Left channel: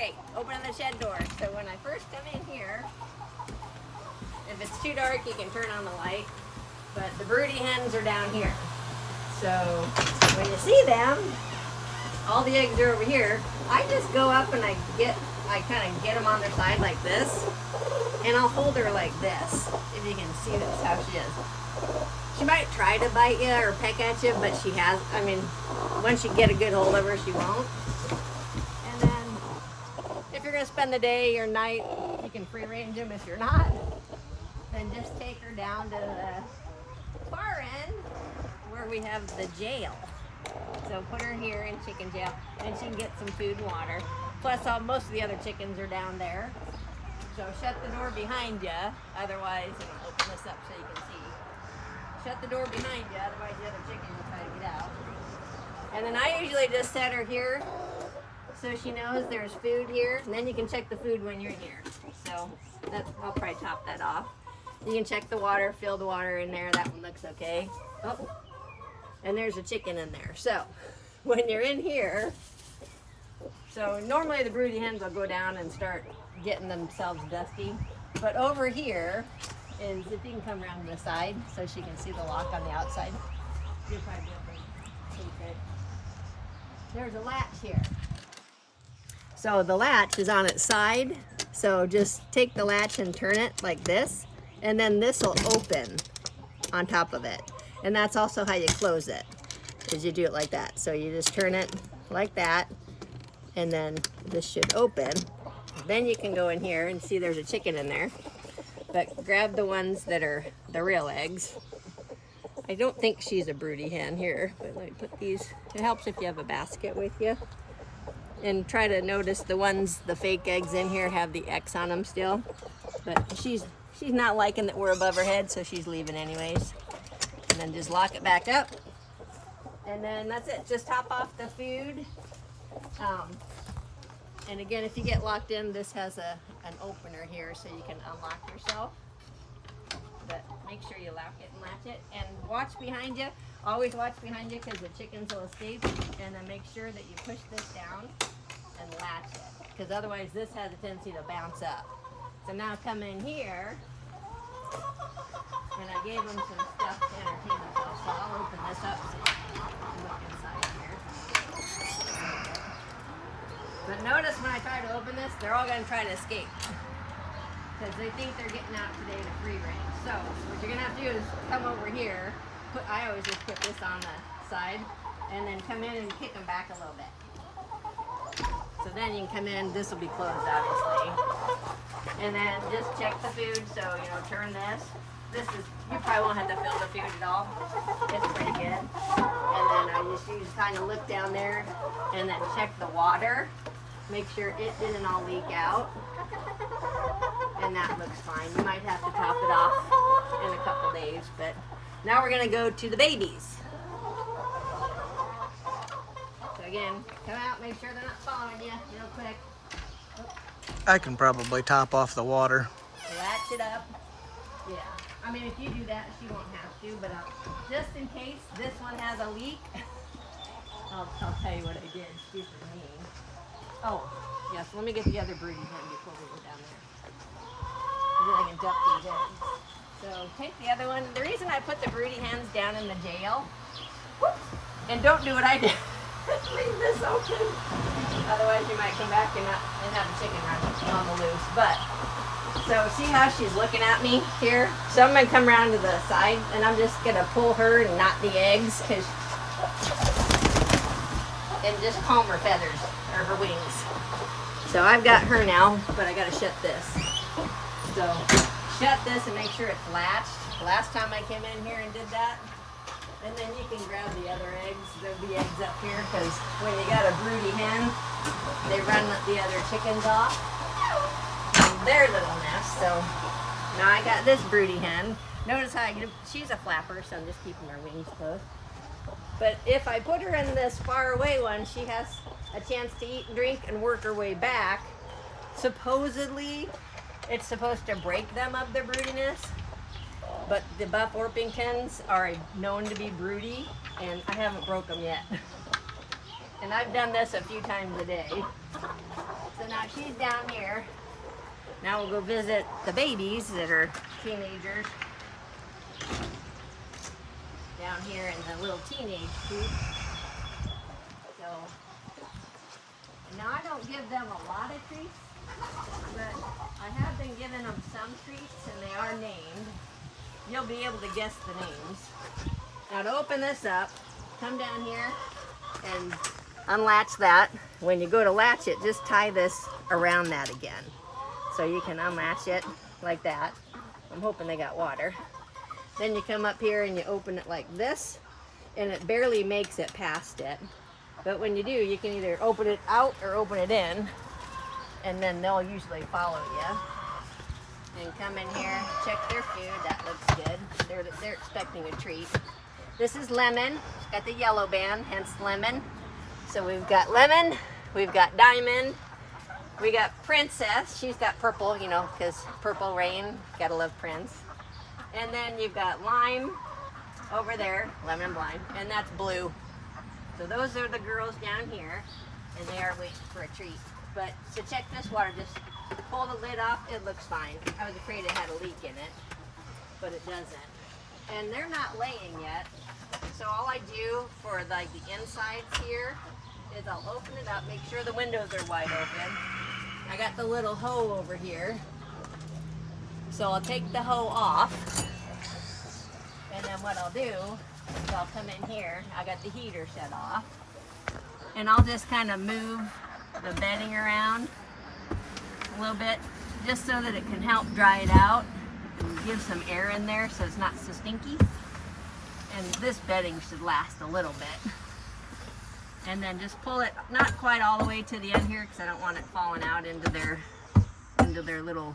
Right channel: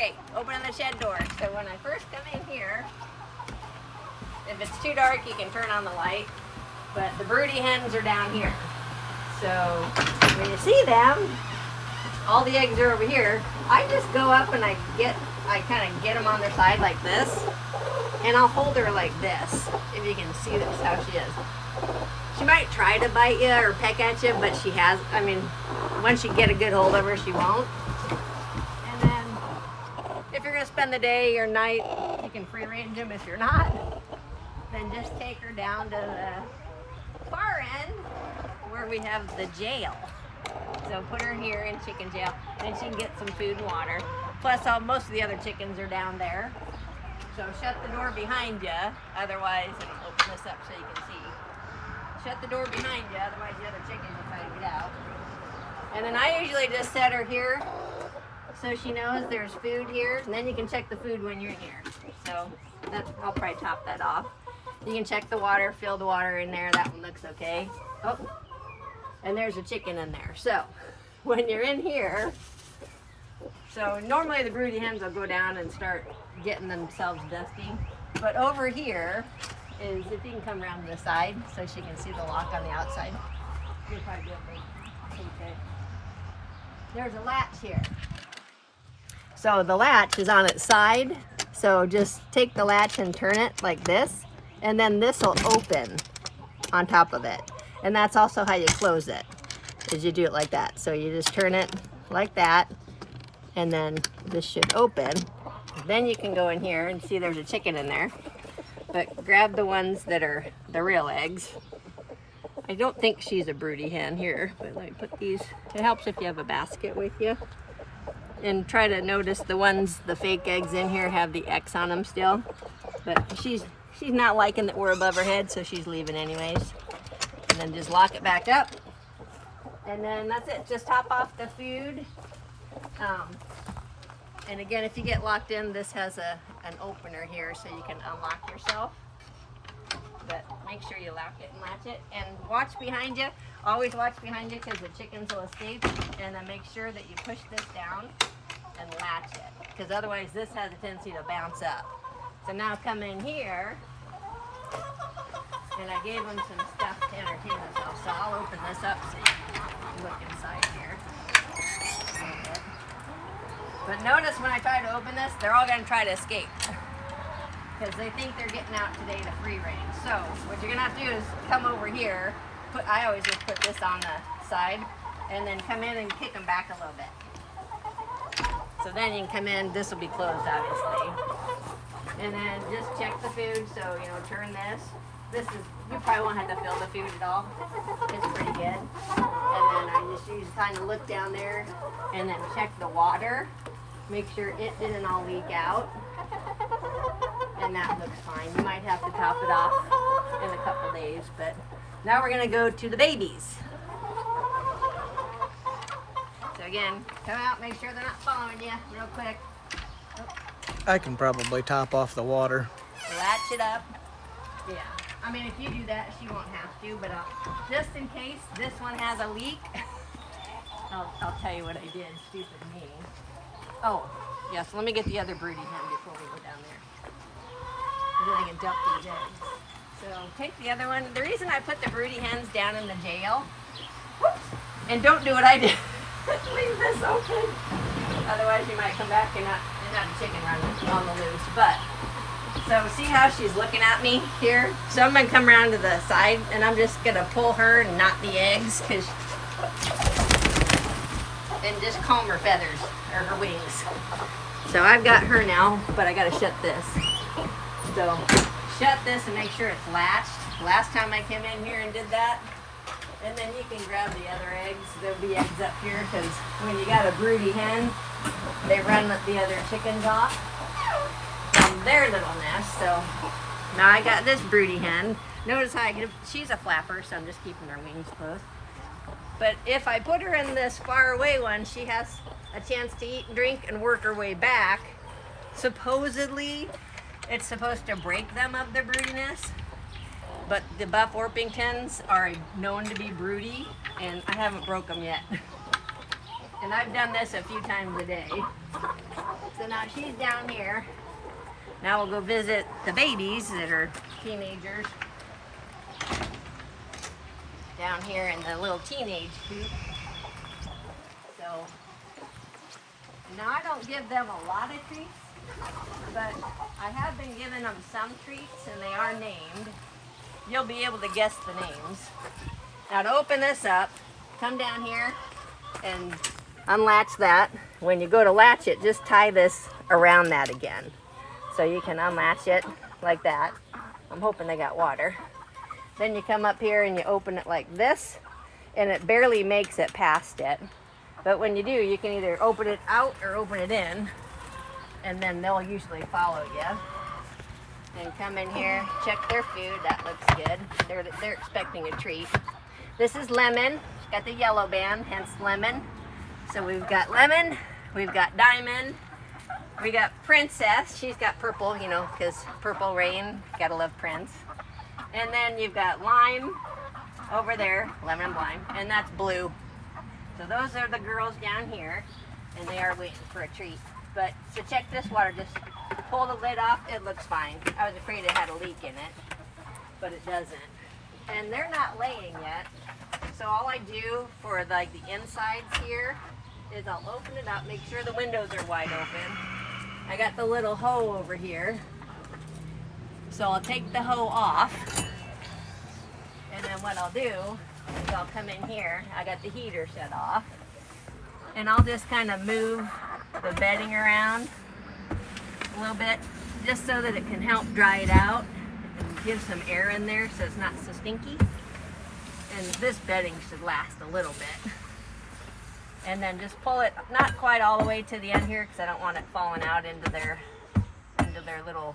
Okay, opening the shed door. So when I first come in here, if it's too dark, you can turn on the light. But the broody hens are down here. So when you see them, all the eggs are over here. I just go up and I kind of get them on their side like this. And I'll hold her like this, if you can see this, how she is. She might try to bite you or peck at you, but she has, I mean, once you get a good hold of her, she won't. And then, if you're gonna spend the day or night, you can free range them. If you're not, then just take her down to the far end where we have the jail. So put her here in chicken jail, and she can get some food and water. Plus, most of the other chickens are down there. So shut the door behind you, otherwise, and I'll open this up so you can see. Shut the door behind you, otherwise the other chicken will try to get out. And then I usually just set her here so she knows there's food here, and then you can check the food when you're here. So I'll probably top that off. You can check the water, fill the water in there, that one looks okay. Oh, and there's a chicken in there. So when you're in here, so normally the broody hens will go down and start getting themselves dusty. But over here is, if you can come around to the side so she can see the lock on the outside. You'll probably be able to see it. There's a latch here. So the latch is on its side. So just take the latch and turn it like this. And then this will open on top of it. And that's also how you close it, is you do it like that. So you just turn it like that. And then this should open. Then you can go in here and see there's a chicken in there. But grab the ones that are the real eggs. I don't think she's a broody hen here, but let me put these. It helps if you have a basket with you. And try to notice the ones, the fake eggs in here have the X on them still. But she's not liking that we're above her head, so she's leaving anyways. And then just lock it back up. And then that's it, just top off the food. And again, if you get locked in, this has an opener here so you can unlock yourself. But make sure you lock it and latch it. And watch behind you. Always watch behind you because the chickens will escape. And then make sure that you push this down and latch it. Because otherwise this has a tendency to bounce up. So now come in here. And I gave them some stuff to entertain themselves. So I'll open this up so you can look inside here. But notice when I try to open this, they're all going to try to escape. Because they think they're getting out today to free range. So what you're going to have to do is come over here. I always just put this on the side. And then come in and kick them back a little bit. So then you can come in. This will be closed, obviously. And then just check the food. So, turn this. You probably won't have to fill the food at all. It's pretty good. And then I just kind of look down there and then check the water. Make sure it didn't all leak out. And that looks fine. You might have to top it off in a couple days, but now we're gonna go to the babies. So again, come out, make sure they're not following you real quick. Oh. I can probably top off the water. Latch it up. Yeah. I mean, if you do that, she won't have to, but just in case this one has a leak, I'll tell you what I did. Stupid me. Oh, yes, let me get the other broody hen before we go down there. Then I can dump these eggs. So take the other one. The reason I put the broody hens down in the jail, whoops, and don't do what I did. Leave this open. Otherwise you might come back and have a chicken run on the loose. But so see how she's looking at me here? So I'm going to come around to the side and I'm just going to pull her and not the eggs and just comb her feathers or her wings. So I've got her now, but I got to shut this. So shut this and make sure it's latched. Last time I came in here and did that. And then you can grab the other eggs. There'll be eggs up here because when you got a broody hen, they run the other chickens off from their little nest. So now I got this broody hen. Notice how she's a flapper, so I'm just keeping her wings closed. But if I put her in this far away one, she has a chance to eat and drink and work her way back. Supposedly, it's supposed to break them of their broodiness. But the Buff Orpingtons are known to be broody, and I haven't broke them yet. And I've done this a few times a day. So now she's down here. Now we'll go visit the babies that are teenagers. Down here in the little teenage coop. So, now I don't give them a lot of treats, but I have been giving them some treats and they are named. You'll be able to guess the names. Now to open this up, come down here and unlatch that. When you go to latch it, just tie this around that again. So you can unlatch it like that. I'm hoping they got water. Then you come up here and you open it like this, and it barely makes it past it. But when you do, you can either open it out or open it in, and then they'll usually follow you. And come in here, check their food. That looks good. They're expecting a treat. This is Lemon. It's got the yellow band, hence Lemon. So we've got Lemon, we've got Diamond, we got Princess. She's got purple, you know, because Purple Rain. Gotta love Prince. And then you've got Lime over there, Lemon and Lime, and that's Blue. So those are the girls down here, and they are waiting for a treat. But so check this water, just pull the lid off, it looks fine. I was afraid it had a leak in it, but it doesn't. And they're not laying yet, so all I do for like the insides here is I'll open it up, make sure the windows are wide open. I got the little hoe over here. So I'll take the hoe off, and then what I'll do is I'll come in here. I got the heater shut off, and I'll just kind of move the bedding around a little bit, just so that it can help dry it out and give some air in there so it's not so stinky. And this bedding should last a little bit. And then just pull it, not quite all the way to the end here, because I don't want it falling out into their little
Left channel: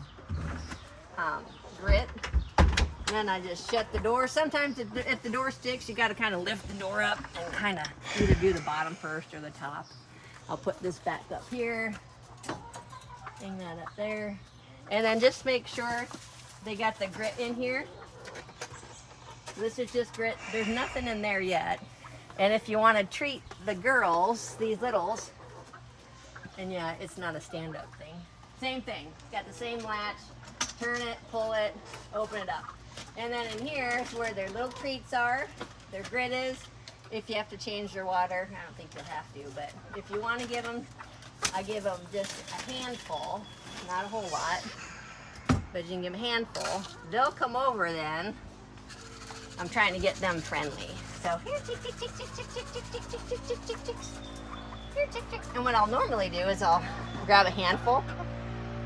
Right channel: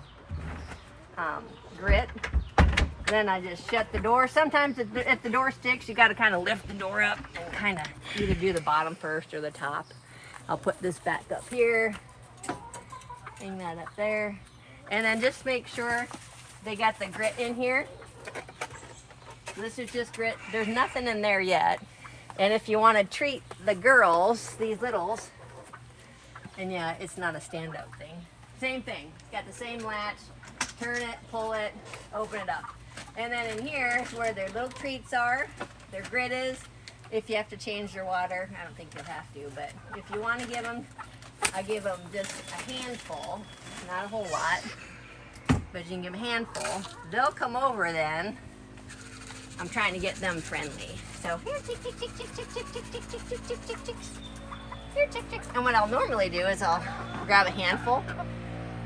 grit. Then I just shut the door. Sometimes if the door sticks, you got to kind of lift the door up and kind of either do the bottom first or the top. I'll put this back up here, hang that up there, and then just make sure they got the grit in here. This is just grit. There's nothing in there yet. And if you want to treat the girls, these littles, and yeah, it's not a stand-up thing. Same thing. Got the same latch. Turn it, pull it, open it up. And then in here is where their little treats are, their grit is. If you have to change their water, I don't think you'll have to, but if you want to give them, I give them just a handful, not a whole lot, but you can give them a handful. They'll come over then. I'm trying to get them friendly. So here, tick, tick, tick, tick, tick, tick, tick, tick, tick, tick, tick, tick, tick. Here, tick, tick. And what I'll normally do is I'll grab a handful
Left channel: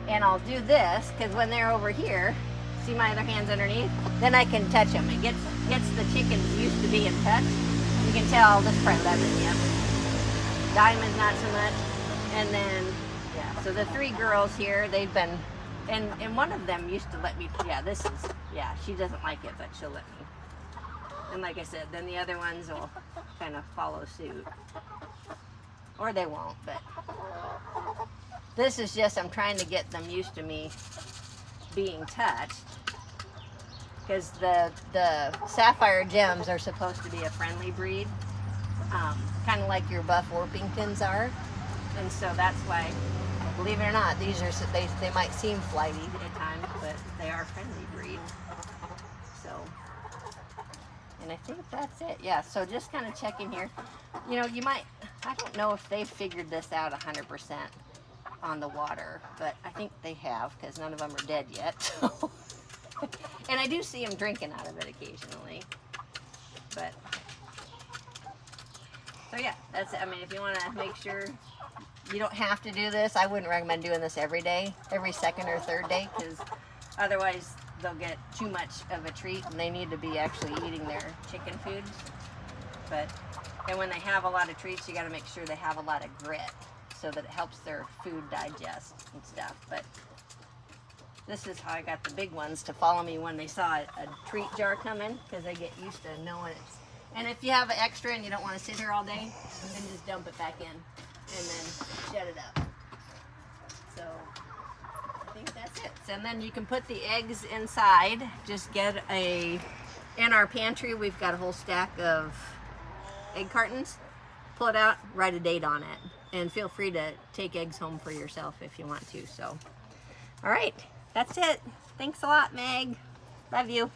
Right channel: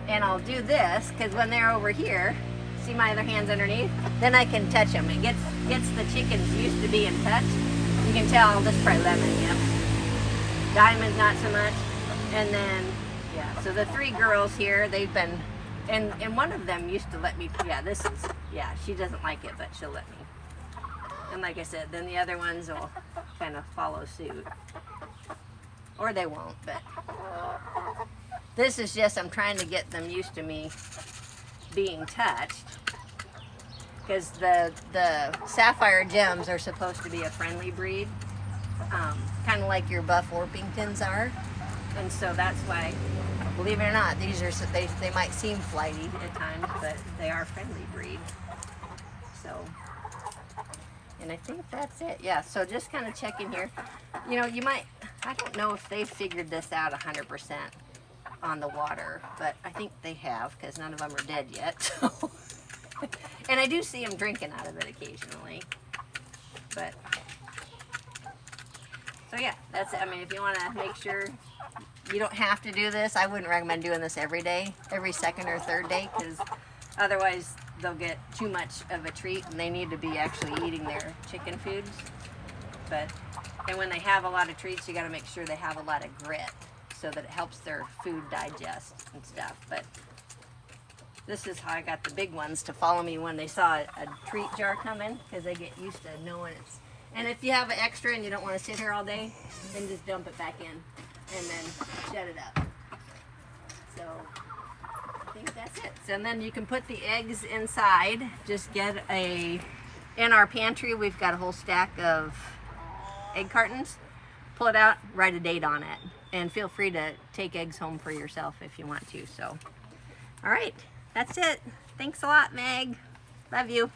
and I'll do this, because when they're over here, see my other hand's underneath, then I can touch them. It gets the chickens used to being touched. You can tell this is probably Lemon, yep. Diamond's not so much. And then, yeah, so the three girls here, they've been, and one of them used to let me, yeah, she doesn't like it, but she'll let me. And like I said, then the other ones will kind of follow suit. Or they won't, but this is just, I'm trying to get them used to me being touched. Because the Sapphire Gems are supposed to be a friendly breed. Kind of like your Buff Orpingtons are. And so that's why, believe it or not, these are, they might seem flighty at times, but they are a friendly breed. So, and I think that's it. Yeah, so just kind of check in here. You know, you might, I don't know if they've figured this out 100% on the water, but I think they have, because none of them are dead yet. So. And I do see them drinking out of it occasionally. But, so yeah, that's it. I mean, if you want to make sure, you don't have to do this. I wouldn't recommend doing this every day, every second or third day, because otherwise they'll get too much of a treat and they need to be actually eating their chicken foods. But, and when they have a lot of treats, you got to make sure they have a lot of grit so that it helps their food digest and stuff. But this is how I got the big ones to follow me when they saw a treat jar coming, because they get used to knowing it's. And if you have an extra and you don't want to sit here all day, then just dump it back in and then shut it up. So I think that's it. So then you can put the eggs inside. Just get in our pantry, we've got a whole stack of egg cartons. Pull it out, write a date on it. And feel free to take eggs home for yourself if you want to. So, all right, that's it. Thanks a lot, Meg. Love you.